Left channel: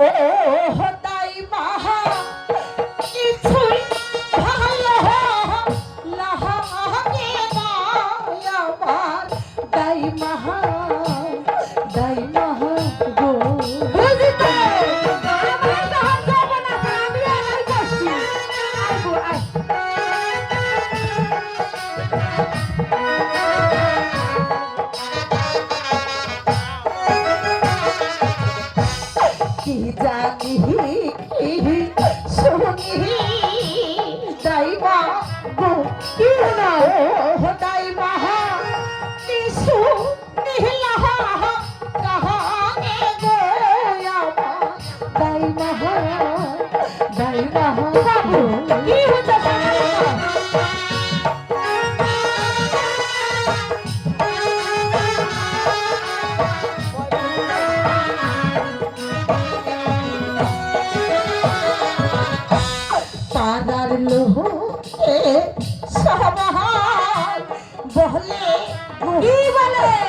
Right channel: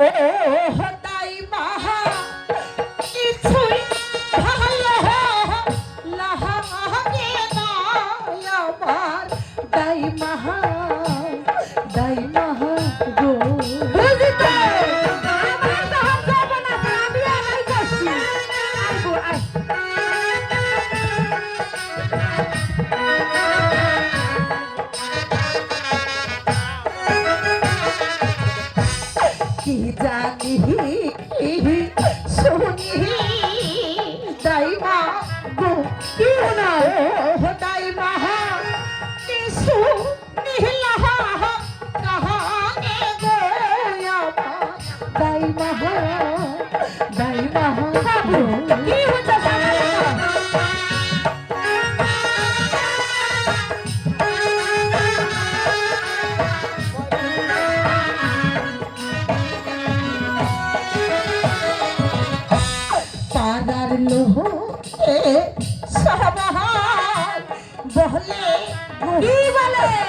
তাই মাহা কিছুই ভালো লাগে না আমার তাই মাহা গো কি জানি শুনি দাইমা গো কি না দাইমা কিছু নিহিলা কাহানে গোয়ামা দাইমা কি হচ্ছে পাড়ার লোকে সবাই বলে কি বলে